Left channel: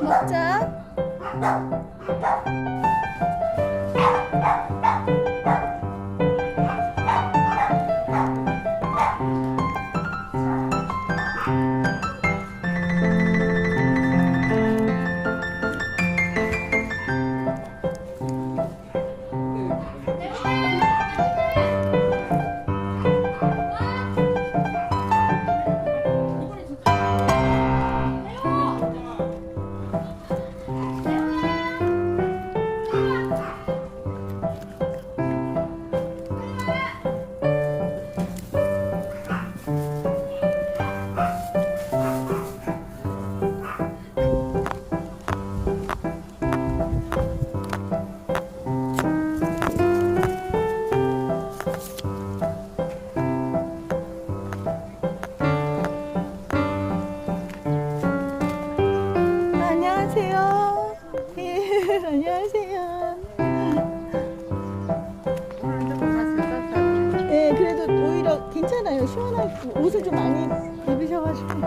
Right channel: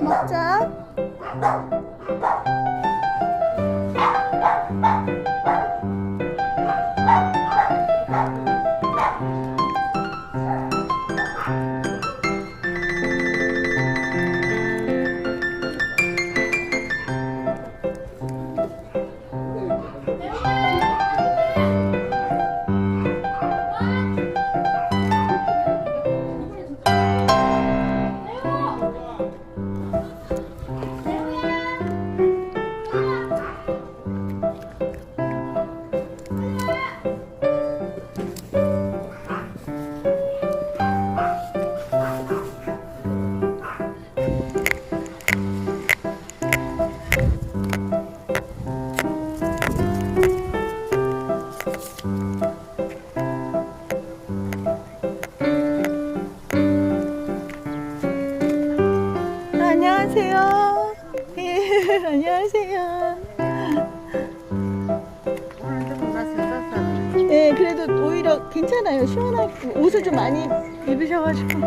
먹자. 안녕하세요. 예, 안녕하세요. 네, 그래도 오히려 괜찮아요. 시원하고 옷을 좀 많이 입으셔가지고.